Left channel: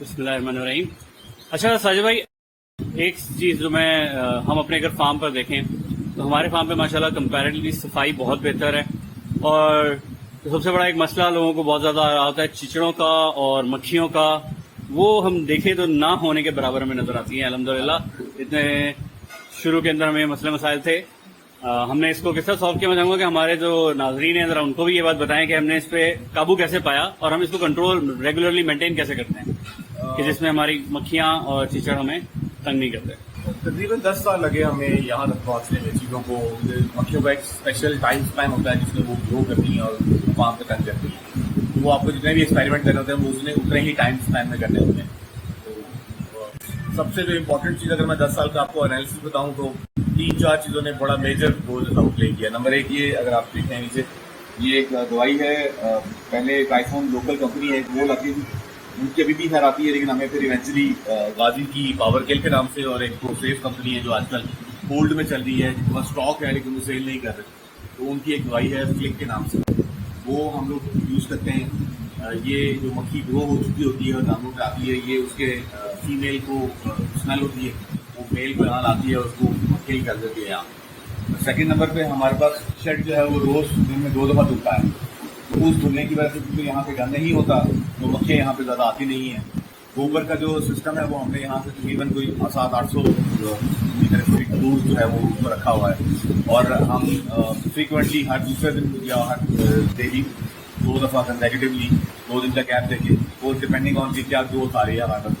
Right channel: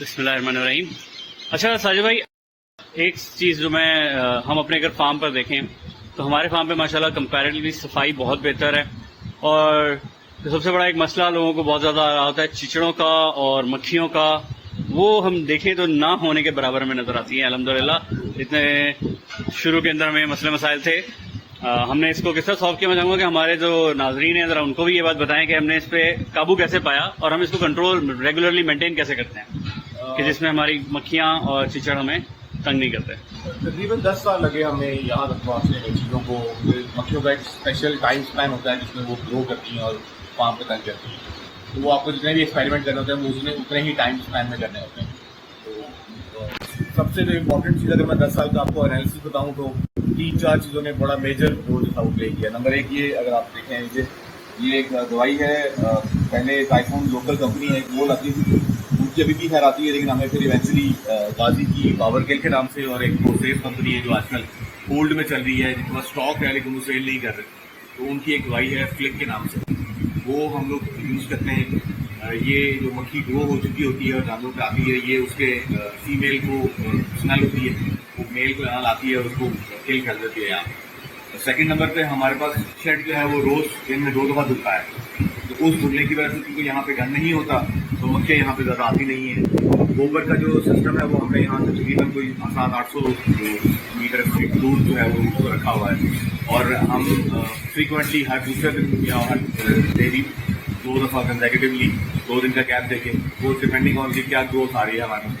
बिस्मिल्लाहिर्रहमानिर्रहीम। अच्छा साजिद भाई, एक चीज़ जो हम अपने अगर फार्म पर देखें तो हमारे फार्म पे माशाल्लाह कंपैरेटिवली सफाई बहुत बेहतर है। और सबसे बड़ा एक मसला लोगों को बहुत ज़्यादा आता है चिचड़ों का और मक्खियों का, वो हम देखें तो ना होने के बराबर हमें नज़र आती हैं। अल्हम्दुलिल्लाह इतने शुरू के अंदर हमें मसले मसाइल थे, हमने इसको किस तरह सॉल्व किया। मैं चाहूँगा कि हमारे जो नाजरीन हैं ज़रा उनको भी ये बात बताएं कि हमने इस पे काबू कैसे पाया और हम इसको कंट्रोल रेगुलरली मेंटेन कैसे करते हैं कि जिसमें हमारी मक्खियाँ और चिचड़ हमें तंग नहीं करते। तकरीबन 10 साल लगे हमें यहाँ तक पहुँचने में। चीज़ों को, मक्खियों का एक स्पेशल टाइम स्पैन होता है जिसमें वो ग्रो करती हैं और फार्म पे तंग करती हैं। तो वो आपको जितने भी एक्सपेरिमेंट करने होते हैं वो उतने ही टाइम स्पैन में करने होते हैं। तो सबसे जो इम्पोर्टेंट चीज़, अगर मैं 10 साल का आपको एनालिसिस बताऊँ तो 3-4 चीज़ों ने बड़ा मेजर रोल जैसा प्ले किया। नंबर 1 ये, अगर आप देखें नीचे, ये एक दवाई है, पहले एक आईफोन लोकल कंपनी है, वो लाती थी, उनकी अभी भी खैर आती है, लेकिन हमें फिर इवेंचुअली गाजी की पावर केल के नाम से, और एक प्रोसेस कंपनी है जो आजकल होल्ड में चल रही है, जिनके पास स्टॉक है लेकिन वो सेल नहीं कर रहे, तो उनकी एक दवाई है फ्लिक के नाम से, वो हम लोग यूज़ करते हैं। ये जो मक्खी ग्रो हो चुकी होती है और जानवरों पे आती है, ये उसके फीमेल को स्मेल होती है, वो मेल को यहाँ लाती है और उसको किल कर देती है यहाँ। सेकंड नंबर पे हमारे पास शेड जो है वो रोज़ दिन में 2 दफ़ा धुलता है, तो उस धुलने की वजह से क्योंकि यहाँ पे गंद नहीं होता तो मक्खियाँ यहाँ पे ज़्यादा आती नहीं है। गोबर का जो सिस्टम है वो हमने यहाँ से तकरीबन कोई 700-800 मीटर फीट दूर जो है वो उसको रखा हुआ है, और हम फ्रीक्वेंटली हर दूसरे दिन या हर डेली 2 दफ़ा कंसेक्यूटिवली 2 दिन का गैप देके, वो डिपेंडिंग ऑन की क्या ग्रोथ आ रही है हमारे पास,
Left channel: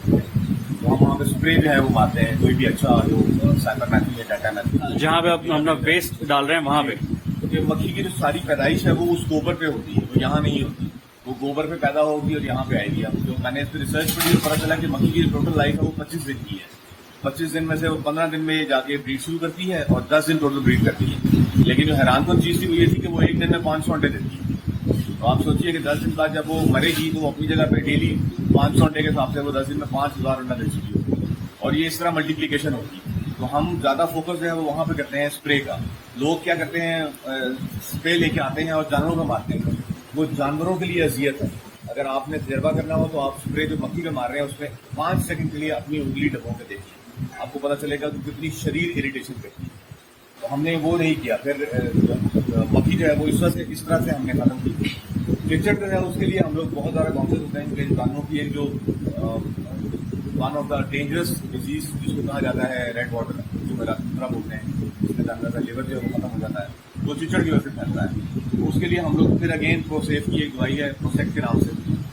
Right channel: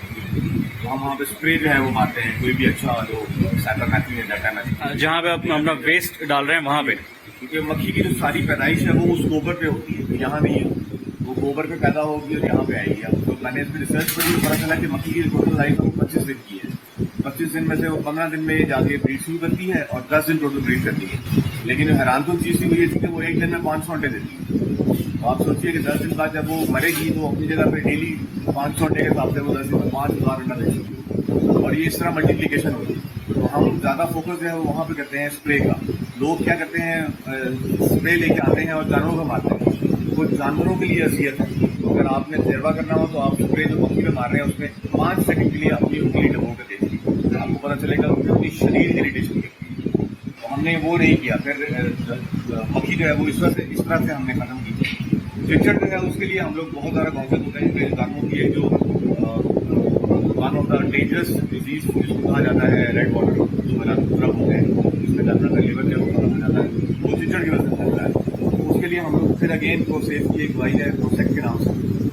तो हम वहाँ पे स्प्रे जो है वो मारते हैं, कोई भी अच्छा जो साइपरमेथ्रिन या डाटामेथ्रिन जहाँ पे आप अपना वेस्ट डाल रहे हैं वहाँ पे, क्योंकि मक्खी की जो सारी पैदाइश है वो उस गोबर पे होती है, तो यहाँ नहीं होती, वो गोबर पे पैदा होगी और यहाँ पे आएगी। अब तो मैंने इस पर रिसर्च करी तो पता चला कि मक्खी की जो टोटल लाइफ है वो 25 दिन की है। 25 दिन में से वो 15 दिन में जाके ब्रीड शुरू करती है और 10 दिन टोटल ब्रीड करती है। लेकिन जो हैरानकुन चीज़ थी वो ये थी कि वो एक दिन में 500 अंडे देती है। तो आप सोचिए कि 10 दिन बाद जब वो मरेगी तो अपनी जगह पे डेली 500 अंडे के हिसाब से वो 10 दिन में 5000 अंडा दे चुकी, और ये इस तरह मल्टीप्लीकेशन होती है। तो हम ज़्यादा फोकस जो है वो वहाँ पे करते हैं स्प्रे का। लोग क्या करते हैं, स्प्रे लेके आते हैं और जानवरों को मारते हैं, वो जानवरों के लिए अजियत है। तो अगर आपने तजर्बा करना हो तो आप स्प्रे जो मक्खी पे मार रहे हैं उसमें 5 सेकंड के लिए अपनी उंगली डबो कर देखिए, आपको पता चलेगा कि अपनी शरीर इरिटेशन करती है। तो हमने वो नहीं किया। फिर मक्खी जो है वो इस तरह से हमने खत्म की। चिचड़ जो है उसके लिए हम लोग बहुत ज़्यादा कॉन्शियस होते हैं कि जानवरों की एक जो one of the dangerous disease जिसको कहा जाता है रेड वाटर, जो मलाथुरा बोलते हैं, जिसमें जानवर का लिवर जो खत्म हो जाता है, वो चिचड़ की वजह से फैलता है। तो उसके लिए हम लोग फिर अगेन प्रोसेस की एक दवाई है प्रोसेक्ट के नाम से,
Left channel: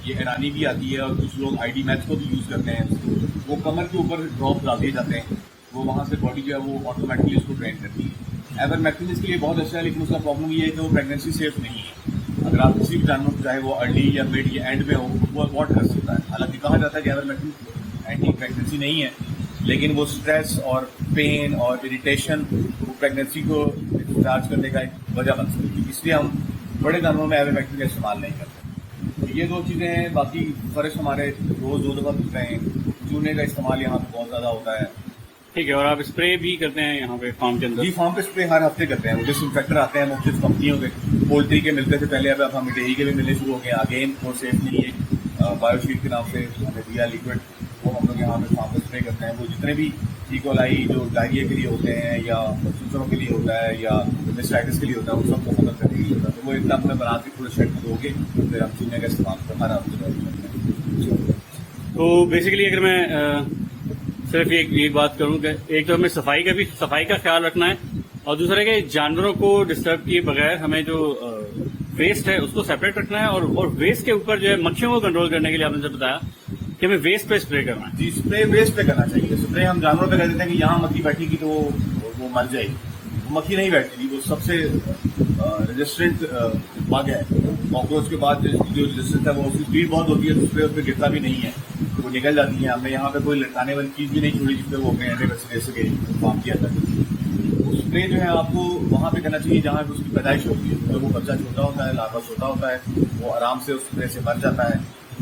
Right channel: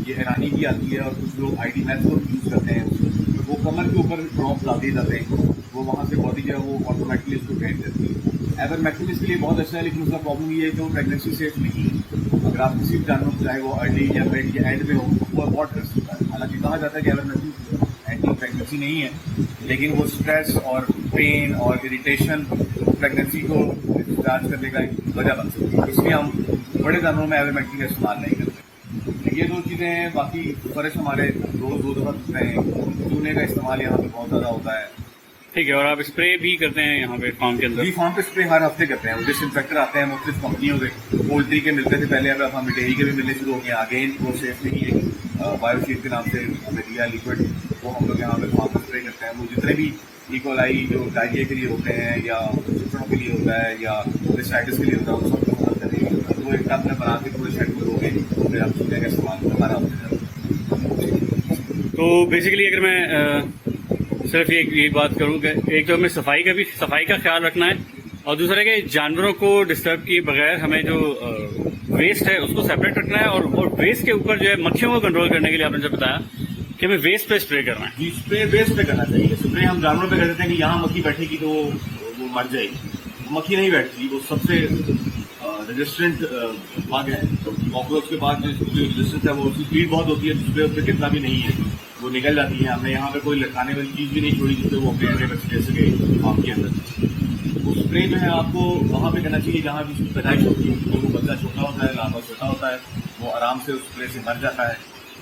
ये ईरानी भी आती है, और कुछ लोग ID मैथ को भी यूज़ करते हैं। वो कमर के ऊपर ड्रॉप डाल दिए जाते हैं, वो वहाँ से बॉडी जो है वो ऑटोमेटिकली उसको ट्रेन करती है। एवरमेक्टिन इसके लिए बहुत अच्छा है, लेकिन उसका प्रॉब्लम ये है कि वो प्रेगनेंसी सेफ नहीं है। अगर आप किसी भी जानवर, चाहे वो अर्ली या मिड या एंड में हो, वो अबॉर्ट कर सकता है। हालांकि कहा जाता है कि एवरमेक्टिन एंटी प्रेगनेंसी नहीं है, लेकिन वो स्ट्रेस और पेन और इरिटेशन प्रेगनेंसी को डिस्चार्ज करने का एक वजह बन सकती है। इसलिए हम बड़े जानवरों में एवरमेक्टिन का इस्तेमाल नहीं करते। तो ये 2 चीज़ें हैं। बाकी फर्श हमारे रोज़ 2 दफ़ा धुलते हैं। चूने का इस्तेमाल यहाँ पे बहुत ज़्यादा होता है। ठीक है। और आप स्प्रे भी करते हैं यहाँ पे फार्म के अंदर? जी, फार्म पे स्प्रे हर हफ्ते करते हैं। वो डिसइंफेक्टर आते हैं मुख्तलिफ कंपनियों के, पोल्ट्री के मिलते थे पहले, अब हमें डेयरी के भी मिलने शुरू हो गए। अगेन वो सेफ्टी बायोशीट के नाम से हमें दिया लिक्विड, वो हम लोग यहाँ पे फार्म पे स्प्रे करते हैं। वो जितने भी इकोलाई जो डायरिया के लिए होते हैं या चिचड़ों के लिए होता है या मेनिस्टाइटिस के लिए होता है, उन सबको खत्म करने के लिए होता है। तो वो एक टब में बना के पूरे शेड को लोगे, फिर हम चीज़ें का इस्तेमाल हर हफ्ते। तो बेसिकली अगर मैं सिर्फ एक बात करूँ कि एक तो हमें सफाई का ख्याल रखना है, और दूसरा कि जानवरों को डिस्टर्ब किए बगैर हमें जो वेस्ट है उसको सेपरेट रखना है, और वेस्ट के ऊपर जो है मक्खियों को कंट्रोल करने के लिए आपने जो बताया कि हमें वेस्ट पे स्प्रे करना है। जी, स्प्रे वेस्ट पे करना चाहिए। स्प्रे हम जानवरों पे कर देते हैं कि यहाँ मक्खी बैठेगी तो वो मर जाएगी। मक्खी नहीं बैठती, वो सबसे रेजिस्टेंट बग है। कॉकरोच के बाद जो रेजिस्टेंस है वो उसकी स्पीड बहुत होती है, तो स्प्रे उस पर गिरता भी नहीं है, वो निकल जाती है। हमने यहाँ पे कोई लटकाने वाली चीज़ भी नहीं छोड़ी जिससे वो अपने अंडे बच्चे दे सके फार्म के अंदर। वो स्प्रे जो है आपको वहाँ पे करना चाहिए जहाँ पे उसकी पैदाइश होती है। जब वो बच्चा छोटा होता है, लार्वा छोटा होता है, वो आराम से उस स्प्रे से मर जाता है।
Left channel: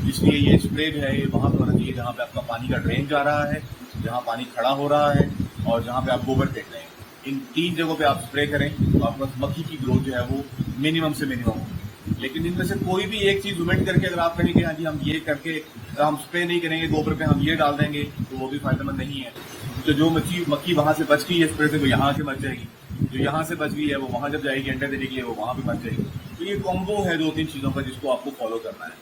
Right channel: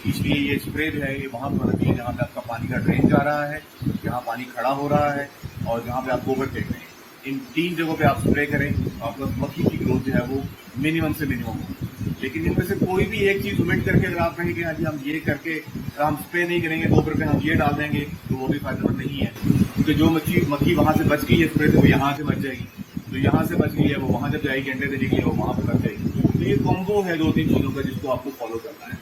इसलिए ये स्प्रे जो है ये वहाँ पे होना चाहिए जहाँ पे आपका पानी का ड्रेन जा रहा है, जहाँ पानी खड़ा हो रहा है, और जहाँ पे आप गोबर फेंक रहे हैं। इन 3 जगहों पे आप स्प्रे करें तो आपका मक्खी की ग्रोथ जो है वो मिनिमम से मिनिमम हो। लेकिन इनमें से कोई भी एक चीज ओमिट करके अगर आप कहेंगे कि हाँ जी हम ये करके हम स्प्रे नहीं करेंगे गोबर पे, हम ये डाल देंगे, तो वो भी फायदेमंद नहीं है। तो जो मक्खी वहां से बच गई है स्प्रे से, वो यहाँ से बच जाएगी, जो यहाँ से बच गई है वो वहां जब जाएगी अंडे देने के लिए, वो वहां पे बच जाएगी। तो ये कॉम्बो है 2-3 चीजों का जिसको आपको फॉलो करना है।